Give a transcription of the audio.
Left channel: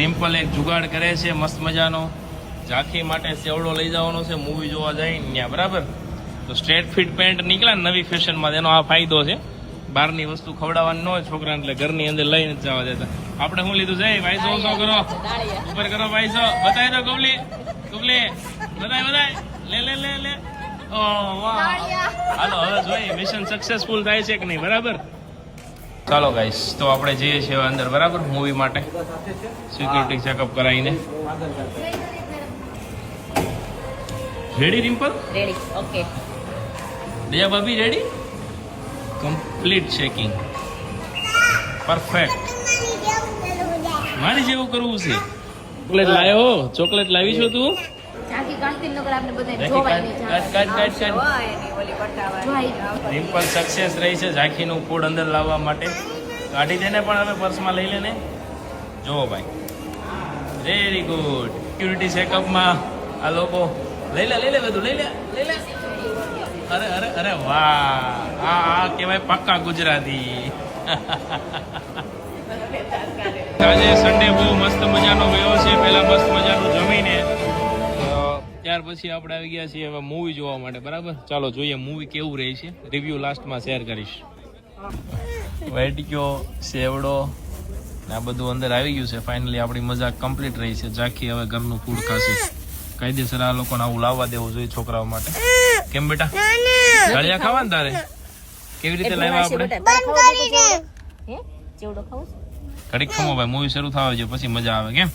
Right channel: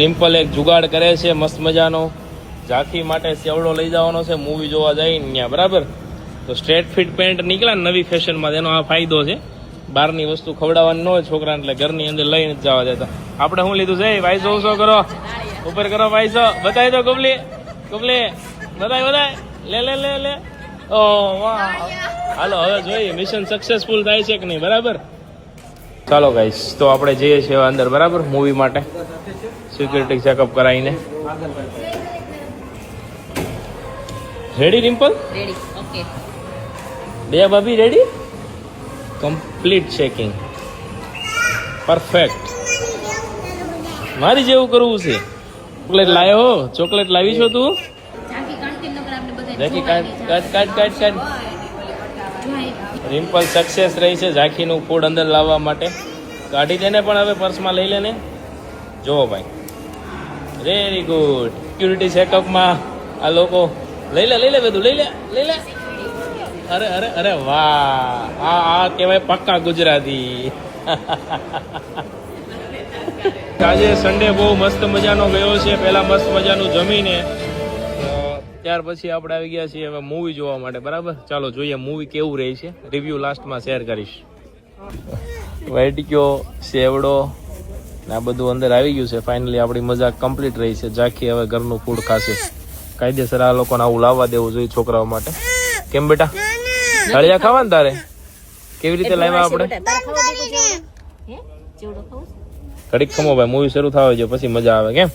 રિમ્પલ એક જુગાડ કરે છે મસ્ત મજાનો. ઝાંખી માટે સેવડો લઈ જવાનો છે મૂવી જોવા જાય ત્યાં, બરાબર? તો સ્ટ્રેટ ફિટ પેન્ટ નીકળ્યા ને નવી ફેશનમાં, એનો આ ફાયદો છે. બહારની વસ્તુ ખવડાવવાની ન હોય છોકરાને, એટલે ઘરની અંદર લઈને જ જવા દેતા. આપણે શું લીધું છે? વાઈસો શું કરો? ઉપર કરો વાઈસો. બતાવી દો ગુબલી, ગુબલી બતાય બતાય. લે લે લે લે. ઓ હાલો હવે જોઈએ મિશન સક્સેસફુલ થાય છે કે નહીં, બરાબર? ચાલો ગાઈસ, તો આપણે જઈએ છીએ અંદર, બરાબર? મૂવી માટે સિક્યુરિટી ચેકઅપ કરાવીને. રેડી રિમ્પલ? રેડી. ઓકે. દયા ભાભી રેડી? Complete checking, perfect. મારી જેવું કરવું છે. ચોકલેટ લાવ્યો? ચોકલેટ લાવી છો તું? રિમ્પલ સક્સેસ રહી છે ઝાંખીનું ફૂડ અંદર લાવવા માટે. કાઢી દે ને પણ હવે પર્સમાં લઈ લે ને. જુઓ ભાઈ, વેરી ગુડ. સિક્યુરિટી ચેકઅપમાં આ લોકો લઈ લે બધું લઈ લે. અરે અરે અરે વાહ, આ કહેવાય પક્કા ગુજરાતી. આજે સન્ડે બહુ મસ્ત મજાનો ગયો છે. પહેલા મસ્ત મજાનું જમીને ત્યાર પછી આપણે આવી ગયા છીએ હવે મૂવી જોવા માટે, બરાબર? ચાલો જોઈએ મૂવી કેવું રહે છે. રિવ્યુ લાસ્ટમાં શેર કરીશ. વેટિક્યો સેવડો આ બધું અંદર આવી ગયું છે. ફાઇનલી આપણી મજા કમ્પ્લીટ રહી છે. ઝાંખી હવે ઘરનું ફૂડ ખાશે. કાયદેસર આ લોકોને આવું લાવવા દેવું જોઈએ છોકરાઓ માટે. કેમ બેટા, હળિયા ખાવા ને તારે? કેવી રીતે લાવ્યા આપણે? ઘડીક ખમો ભાઈ, મૂવી શરૂ થવા છે પછી મજા આવે. કેમ?